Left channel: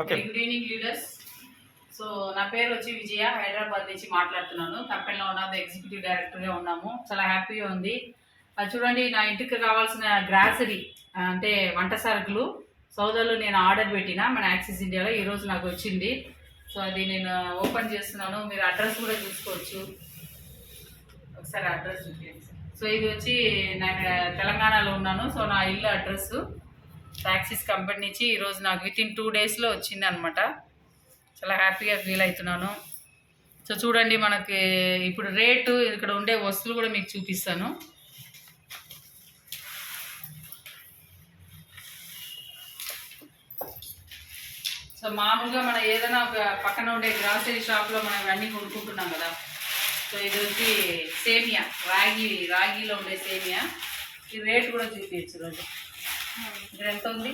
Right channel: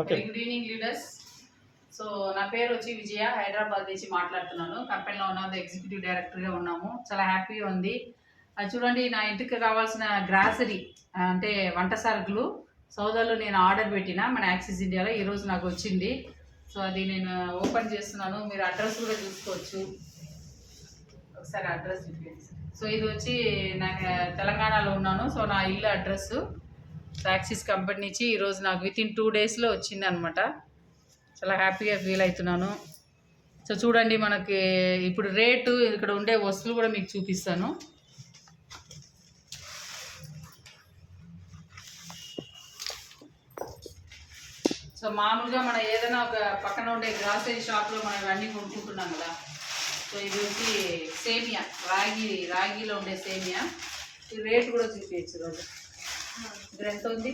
Okay. Good evening leaders. So నా పేరు వచ్చి విజయ, హైదరాబాద్ నుంచి మాట్లాడుతున్నాను. కంపెనీలో ఉన్నాము, ఎగ్జిక్యూటివ్ డైరెక్టర్గా ఉన్నాము. చాలా హ్యాపీగా ఉంది. అది చూడండి, నా ఇంటికి కావాల్సిన గ్రాసరీ అంటే వంట సరుకులు సౌదర్లో నేను ఆర్డర్ పెట్టిన మన యాక్సిస్ ఇండియాలో ఈరోజు నాకు వచ్చింది. సో అది నేను ఓపెన్ చేస్తున్నాను. మీరు అడ్రస్ కూడా చూసుకోవచ్చు. ఒకసారి అడ్రస్ చూపించండి. సో ఇది వచ్చి నేను తెలంగాణలో ఉన్నాను. సో నా ఇల్లు అడ్రస్ యాక్సిస్ కంపెనీ నుంచి ఈరోజు నాకు వితిన్ 2 డేస్లో వచ్చింది అనమాట. చాలా హ్యాపీగా ఫీల్ అవుతున్నాను. సో చూడండి, మనకి ఇప్పుడు రేటు ఇక్కడ ఉండే వస్తువులు కూడా మీకు చూపిస్తాను. సో మామూలుగా మనం ఏదైనా ఒక పక్కన ఉండే గ్రాసరీ షాప్లో మనం ఇవన్నీ కొనుక్కుంటున్నాం కదా. సో ఇది వచ్చి సేమియా, రాగిలో ఉండే సేమియా. ఈ రేట్ కూడా చూపించచ్చు రోజు. ఇక్కడ ఎంత ఉంది?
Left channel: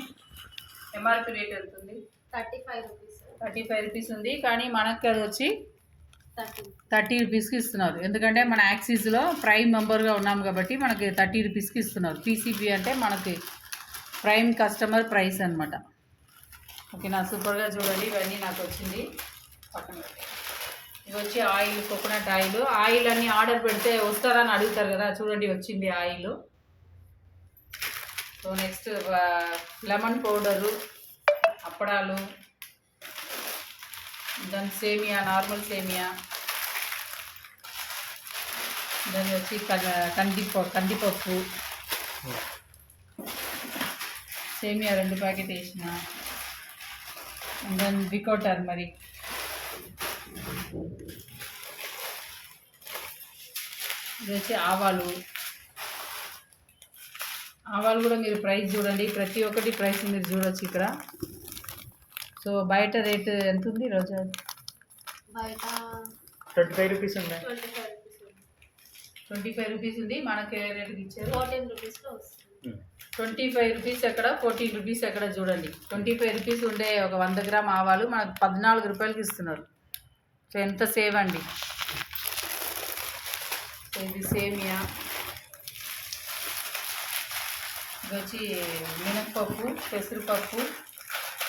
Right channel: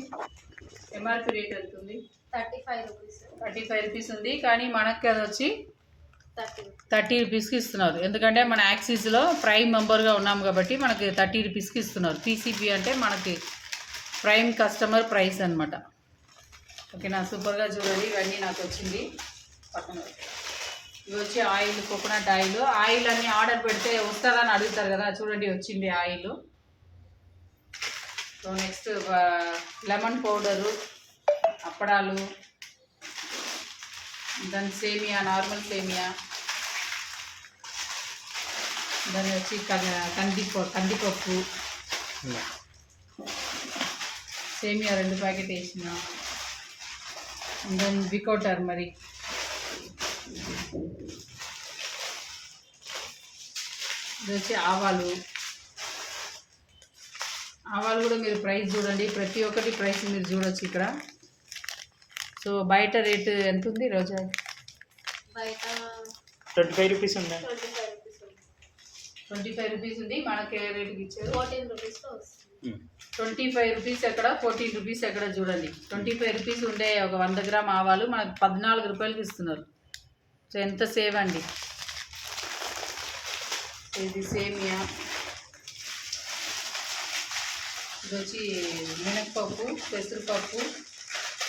ఎంఆర్పి రేట్ ఎంత ఉంది? 35 రూపీస్ ఉంది. కానీ మనకి అది వచ్చి 30 రూపీస్కి ఇస్తున్నారు. ఎందుకంటే మన యాక్సిస్లో ప్రైమ్ మెంబర్గా ఉన్నాం కాబట్టి మనకి 30 రూపీస్కి ఇస్తున్నారు. పీసీబీ అంటే మనకి ప్రైమ్ కస్టమర్ ప్రైస్ అనమాట. ఓకేనా, సూపర్గా చూడండి. ఇవన్నీ నాకు వచ్చింది. పక్కన ఇవి వచ్చి ఆయిల్, కోకోనట్ ఆయిల్ అన్నీ ఆర్డర్ పెడితే వస్తుందని అడుగుతారు కదా. చూడండి, వచ్చింది oil. So next lemon powder, అప్పడాలు, దాని సేమియా, నార్మల్ సేమియా, దాని వచ్చి కందిపప్పు, సేమియా 2 ప్యాకెట్ వేసిన, దెన్ బికో టర్మరిక్, ఇది వచ్చి ఆవాలు కూడా మీరు ప్రైస్ చూడండి. ప్రతి ఒక్కటి ప్రైస్ మీరు చూడొచ్చు ఇక్కడ. సో బయట రేటు ఎంత ఉంది రోజా? బయట 25 రూపీస్ ఉంది. 25 రూపీస్ ఉంది. మనకి ఏ రేటుకి ఇచ్చారు? 14 రూపీస్లో వస్తుంది. 25 రూపీస్ ఎక్కడ, 14 రూపీస్ ఎక్కడ చూడండి. 25 రూపీస్ ఉండే ఒక 100 గ్రామ్ ఆవాలు మనకు 14 రూపాయలకి ఇస్తున్నారు. సో ఎంత సేవ్ అండి. సో ఇది సేమియా, ఇది వచ్చి మినప్పప్పు, పెసరపప్పు,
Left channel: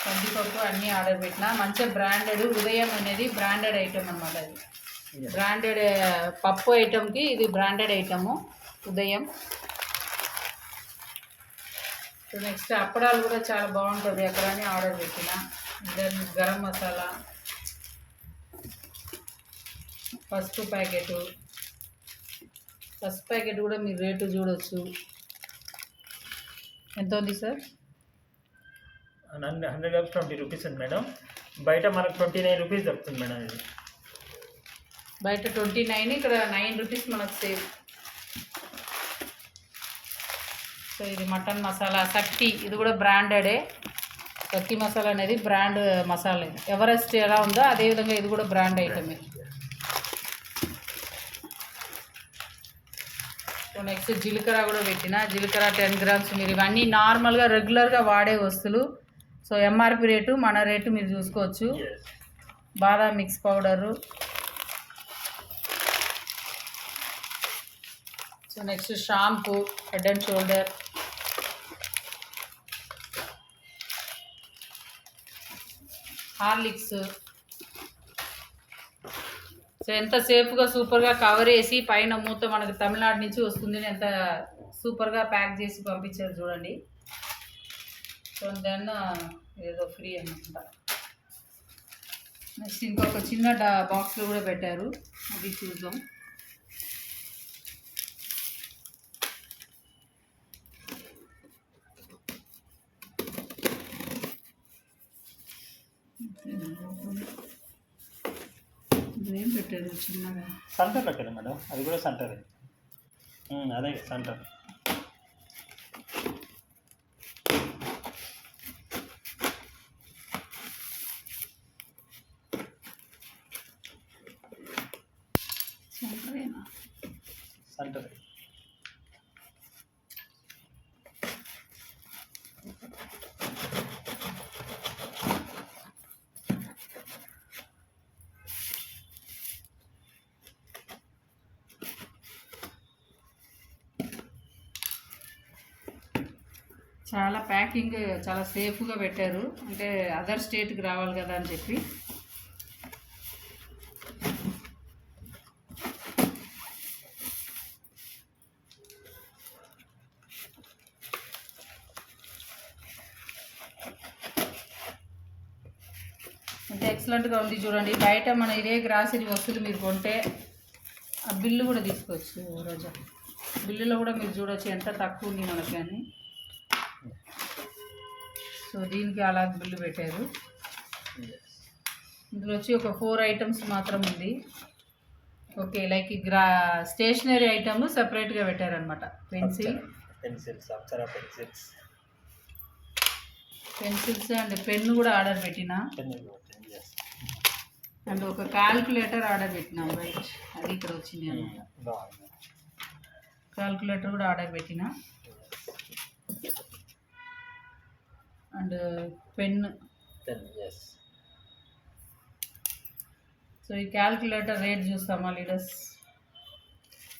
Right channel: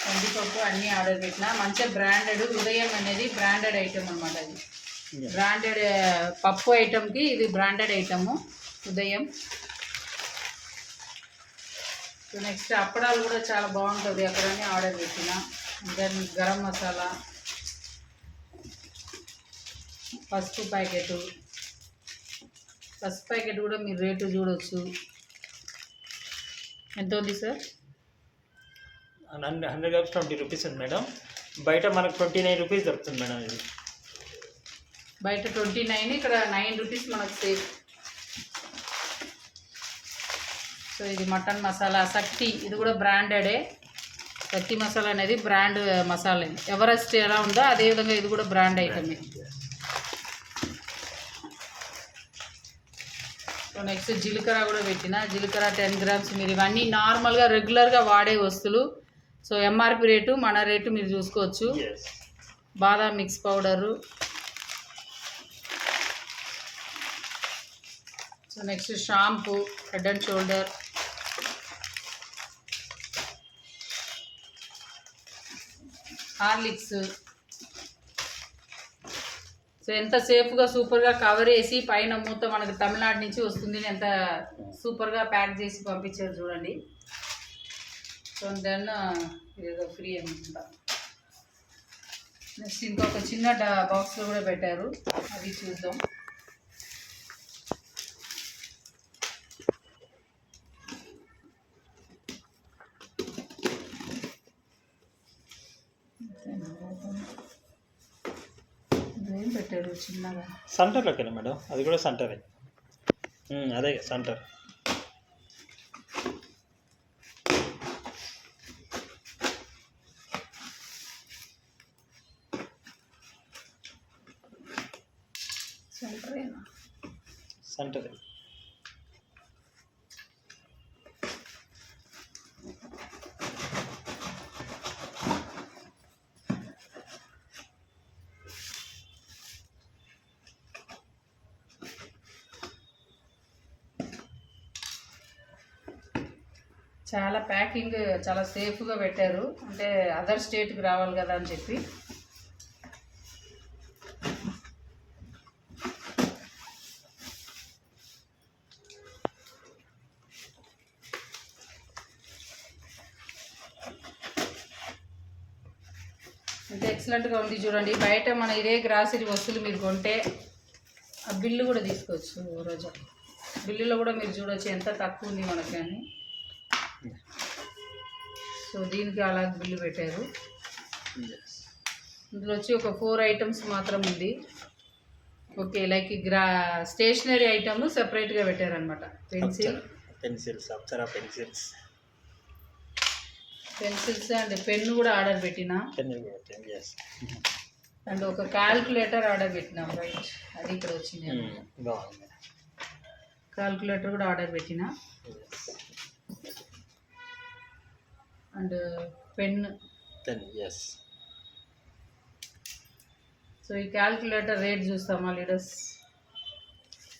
కందిపప్పు అన్నీ ఆర్డర్ పెట్టిన. మంచిగా బ్రాండెడ్, ఉదయం అనేది బ్రాండెడ్ ఐటమ్ అనమాట. అది బ్రాండెడ్ పప్పు ఐటమ్కి ఇది బ్రాండెడ్ ఐటము ఉదయం. సో నెక్స్ట్ అప్పడాలు కూడా చాలా బాగుంటుంది. అక్కడనే ఆర్డర్ పెట్టిన. దెన్ గరం మసాలా, పసుపు ప్యాకెట్ కూడా మీరు రేటు చూడవచ్చు. ఎంత ఉంది సార్? 100 గ్రామ్స్ 20 రూపీస్ ఉంది మేడం. బయట మనకు 29 రూపీస్ దొరుకుతుంది మేడం. ఇది బయట 29, ఇక్కడ 9 రూపీస్ మనకు సేవ్. సో ఇది మటన్ మసాలా శక్తి, ఇది కూడా బ్రాండెడే. శక్తి మసాలా అనేది బ్రాండ్ మసాలా. ఎవరెస్ట్ ఎలా ఉందో అదేవిధంగా ఇది కూడా బ్రాండ్ ఐటమే. సో నెక్స్ట్ జీలకర్ర కూడా పెట్టిన. జీలకర్ర 10 గ్రామ్స్. మీరు ఇవన్నీ నార్మల్గా రెగ్యులర్గా వాడే వస్తువులు. సో ఎంఆర్పి రేటు, మన రేటు మీరు చూసుకోవచ్చు. బాదాం mix powder. So next shampoo, head and shoulder, Horlicks. So ఎంత సేఫ్గా సూపర్గా కవర్ వేసి పైన మూత మనకు తమిళనాడు నుంచి వస్తుంది. ఎంత సూపర్గా ప్యాక్ చేసి పంపించారు చూడండి. సో దెన్ ఏదో ఫ్రీ అనమాట. నెక్స్ట్ ఇంకొక చిన్న బాక్స్లో కూడా పెట్టారు, అది చూద్దాం. ఏం పెట్టారు చిన్నగా? సెంటర్లోకేనా మేడం? అది కూడా సెంటరే. అదే సెంటర్. సెంటరేనా? సెంటరే. చాలా ప్యాకింగ్ చాలా సేఫ్గా పెట్టారు, అంటే అదర్ స్టేట్కి రావాలి కదా అని చెప్పి. అంటే ఎక్సలెంట్గా ఉంది చూడండి. బయట మన ఇదే గ్రాసరీ వస్తువులు మీరు కొంటే ఆ బిల్లు కూడా తీసుకోవచ్చు రోజా. బిల్లులో కూడా మీరు చూడవచ్చు ఎంత తక్కువ ఉంది మనకి అని. సో దీనికి అలా బిల్లు పెట్టారు. ఇందులో వచ్చి ఒక 4 ఐటమ్స్ మాత్రం ఉంది. ఓకే, లైక్ స్టేషనరీ ఐటమ్ సెపరేట్గా పెట్టారనమాట. Pencils, Apsara pencils and pen కూడా ఆర్డర్ పెట్టిన. అండ్ ఒక క్యాల్కులేటర్ ఆర్డర్ పెట్టినాం. రైట్, అది ఇక్కడ వచ్చింది అనమాట. బాగుంది. క్యాల్కులేటర్ కూడా ఆర్డర్ పెట్టిన. And pen. సో ఈ క్యాల్కులేటర్ రేట్ చూస్తామా లీడర్స్?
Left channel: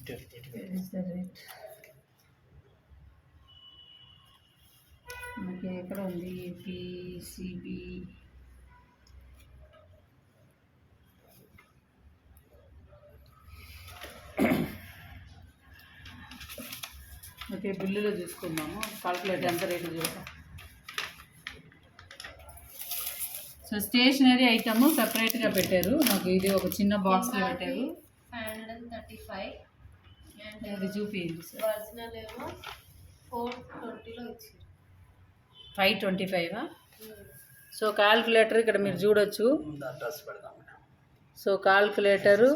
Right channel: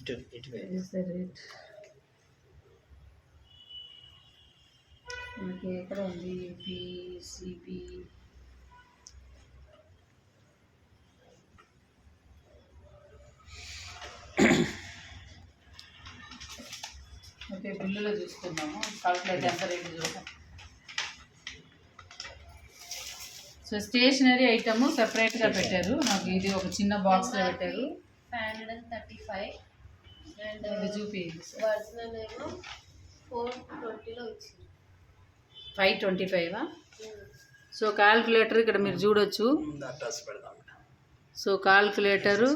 రేట్ మనకి ఎక్కడ ఉంది? పిసిబి ఓకే, బిల్లులో చూసుకుందాము. క్యాల్కులేటర్ ఎంత రేటు చూద్దాం. సో స్టేషనరీ ఐటమ్ సెపరేట్గా పెట్టారు మాకు. ఇది ఒక చిన్న బాక్స్లో పెట్టారు. 535 అండ్ ఇది చూపి ఒరిజినల్ ఏమో 420లో ఇచ్చింది. 525. సో క్యాల్కులేటర్ ఇక్కడ మీరు చూడొచ్చు. అడ్రస్ పెడదాం. సో క్యాల్కులేటరు